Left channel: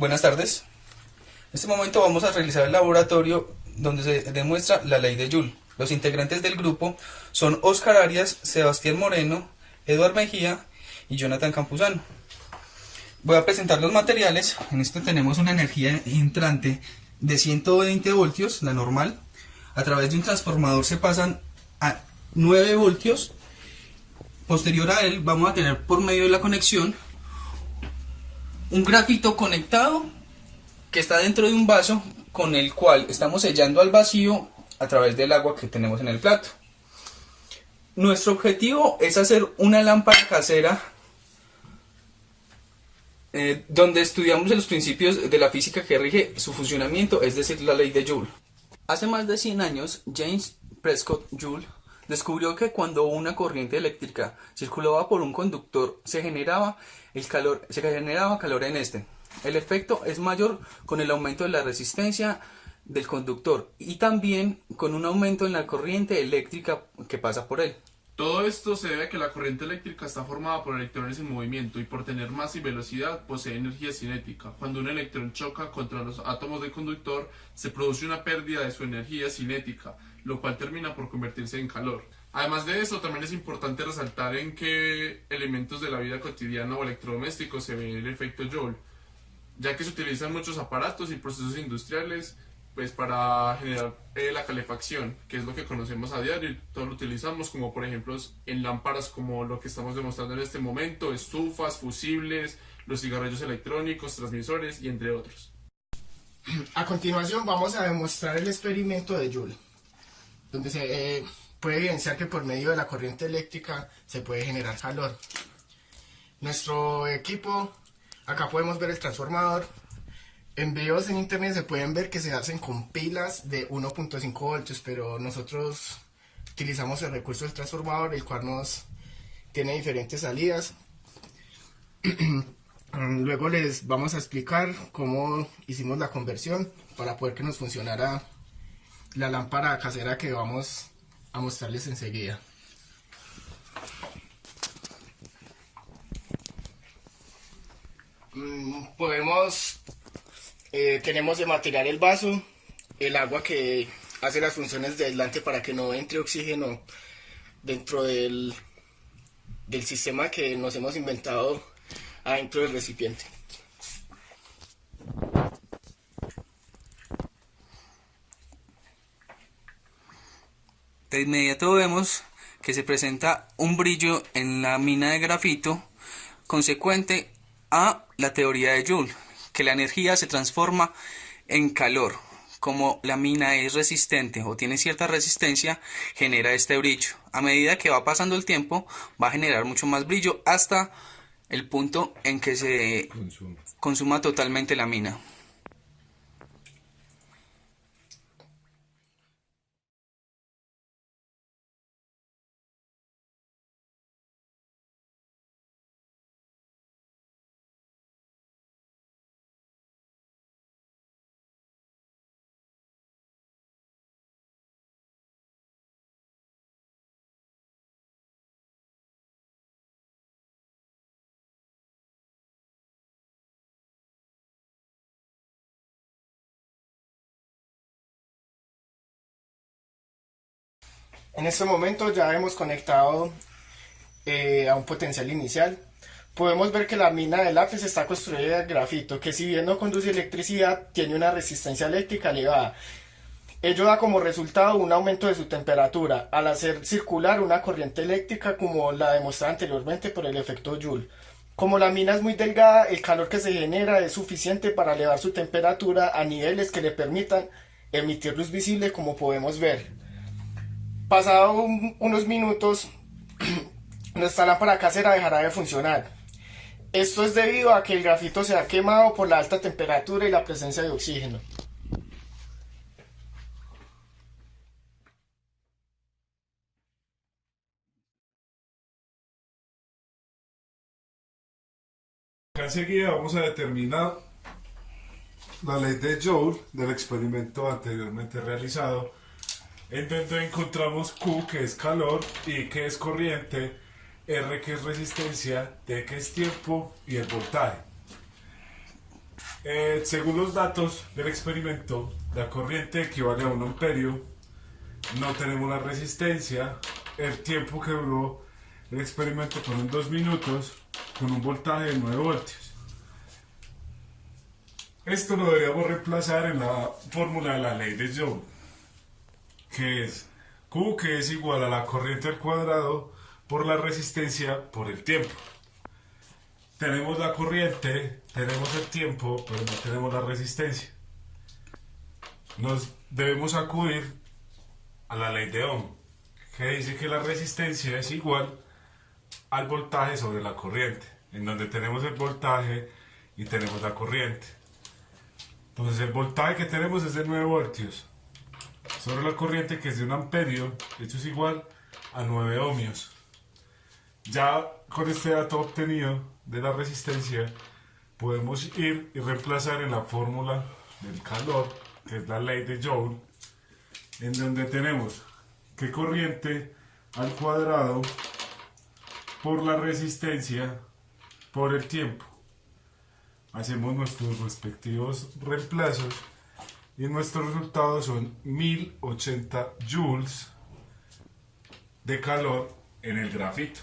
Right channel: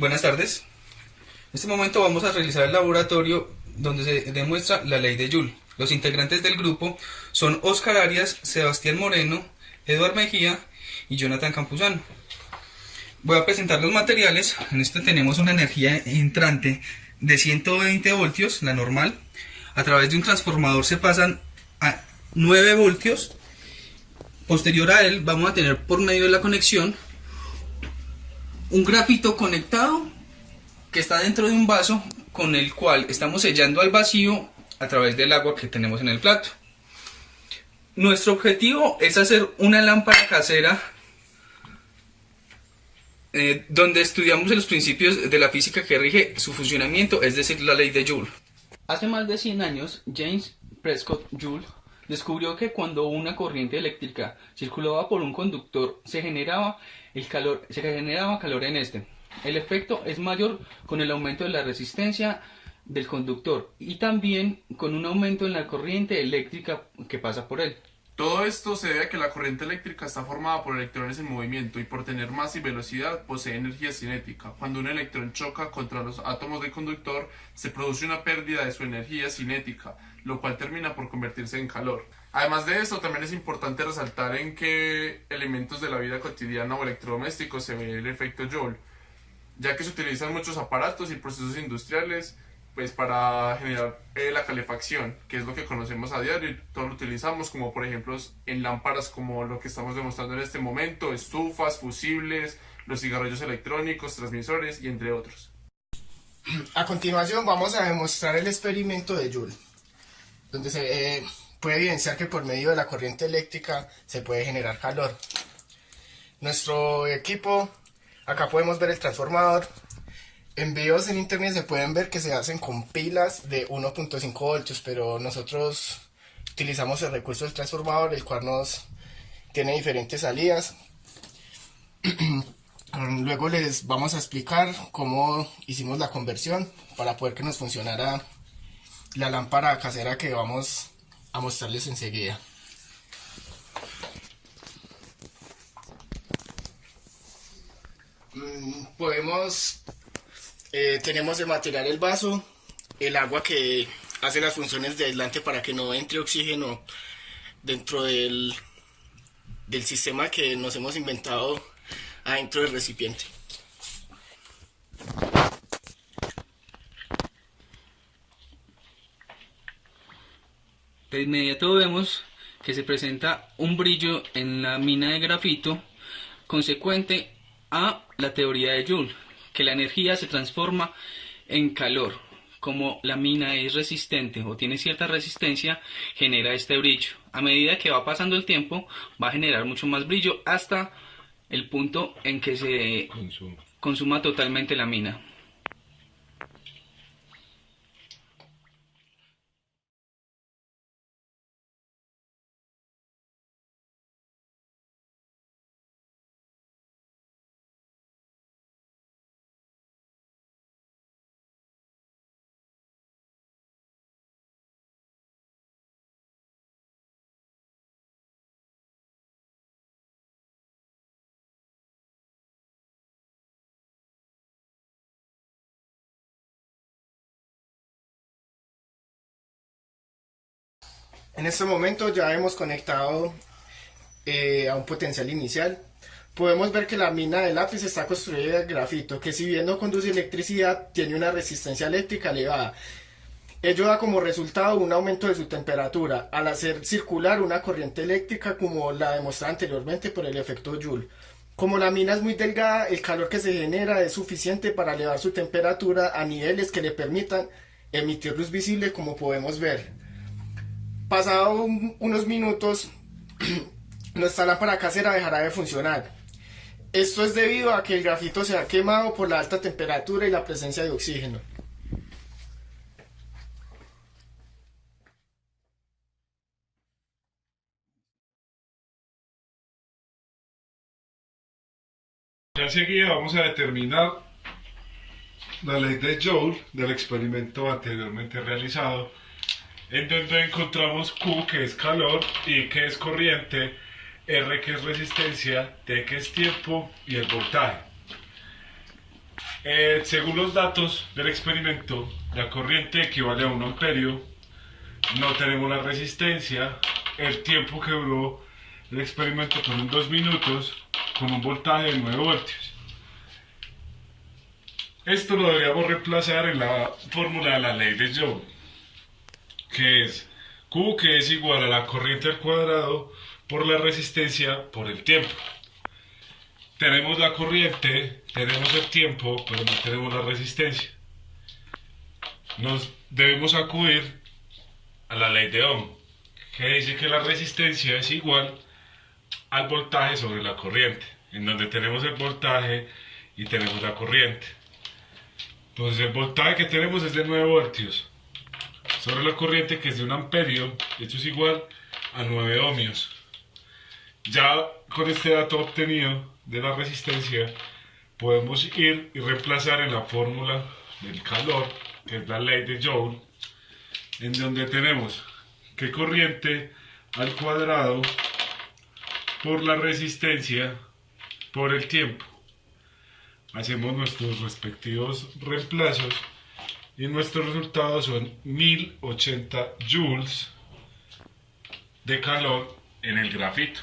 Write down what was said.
Buenas tardes. En este momento vamos a realizar el laboratorio donde se demuestra la ley de Joule. Los integrantes del grupo son Oscar Arias, Sebastián Moreno, Eduard Mejía y Jonathan Campuzano. Voy a presentar los materiales. En este tenemos una energía entrante de 120 voltios, la normal. A través de un transformador se pasan a 9 voltios. Posterior a él vamos a tener por medio de la conexión un grafito conectado que está dentro de un vaso con el cual estamos sellando al vacío a través del agua que tenemos en el plato. Nuestro objetivo es hacer una lámpara casera donde estudiamos los principios de la física que rige su funcionamiento, es decir, la ley de Joule. Hace más de 100 años, James Prescott Joule descubrió que cuando una corriente eléctrica circulaba por un conductor se generaba calor en este. El efecto es mayor con el aumento de la resistencia del conductor y también con un aumento en la corriente eléctrica que pasa por él. Todo esto se debe a que la corriente eléctrica está formada por electrones en movimiento y por tener masa y velocidad posee energía cinética. Cuando un electrón choca contra los átomos del conductor, se produce una pérdida de su energía cinética, lo cual termina por convertirse en calor. Además de esto, también es importante resaltar en qué elementos de la vida cotidiana o electrodomésticos se ve el efecto Joule, ya que se utilizan muchos aparatos y procesos industriales pues para generar la calefacción, que es lo que conocemos a diario y todo lo utilizamos, como por ejemplo en lámparas como lo que estamos demostrando en este momento, estufas, fusibles, los cigarrillos electrónicos, transmisores y entre otros. A continuación vamos a demostrar el experimento de Joule, donde se puede evidenciar que por medio de la corriente eléctrica se puede generar calor. Nuestro equipo, acá podemos ver el transformador. En videos en internet se pueden ver que se hacen con pilas de 1.5 voltios, pero nosotros utilizamos el recurso del transformador, el cual tiene diferentes salidas. Luego les vamos a explicar cómo hicimos la conversión para poder que nos funcionara la lámpara casera que vamos a mostrarles enseguida. Tenemos de material el vaso, el agua que hace las funciones de aislante para que no entre oxígeno dentro del sistema que nos hemos inventado adentro del recipiente. De inmediato vemos que se presenta un brillo en la mina de grafito consecuente a la teoría de Joule, que la energía se transforma en calor. Como la mina es resistente o tiene cierta resistencia, genera este brillo. A medida que va pasando el tiempo, va a generar mucho más brillo hasta el punto en que se consuma totalmente la mina. En este momento ya hemos conectado a un potencial inicial. Podemos ver que la mina de lápiz está construida de grafito, que si bien no conduce electricidad, tiene una resistencia eléctrica elevada. Ello da como resultado un aumento de su temperatura, al hacer circular una corriente eléctrica como la demostrada anteriormente por el efecto Joule. Como la mina es muy delgada, el calor que se genera es suficiente para elevar su temperatura a niveles que le permitan emitir luz visible, como podemos ver. Pasado unos minutos, nuestra lámpara casera dejará de funcionar. Esto es debido a que el grafito se ha quemado por la alta temperatura y la presencia de oxígeno. Ya enseguida vamos a determinar la ley de Joule del experimento anteriormente realizado, en donde encontramos Q, que es calor, I, que es corriente, R, que es resistencia, T, que es tiempo, y el voltaje. Según los datos del experimento, la corriente equivale a 1 amperio. No tenemos la resistencia. El tiempo que duró el experimento fueron 2 minutos con un voltaje de 9 voltios. Esto lo deberíamos reemplazar en la fórmula de la ley de Joule, que es Q, que es igual a la corriente al cuadrado por la resistencia por el tiempo. Tenemos la corriente, tenemos el tiempo, pero no tenemos la resistencia. Nos debemos acudir a la ley de Ohm, que dice que la resistencia es igual al voltaje sobre la corriente, en donde tenemos el voltaje y tenemos la corriente. Entonces el voltaje que tenemos es de 9 voltios sobre la corriente, que es de 1 amperio, esto es igual a 9 ohmios. Ya con este dato obtenido de la resistencia podemos ir y reemplazar en la fórmula del calor, que es la ley de Joule, en donde tenemos que corriente al cuadrado por la resistencia por el tiempo. Hacemos nuestros respectivos reemplazos y nuestros resultados son 1080 joules de calor en el grafito.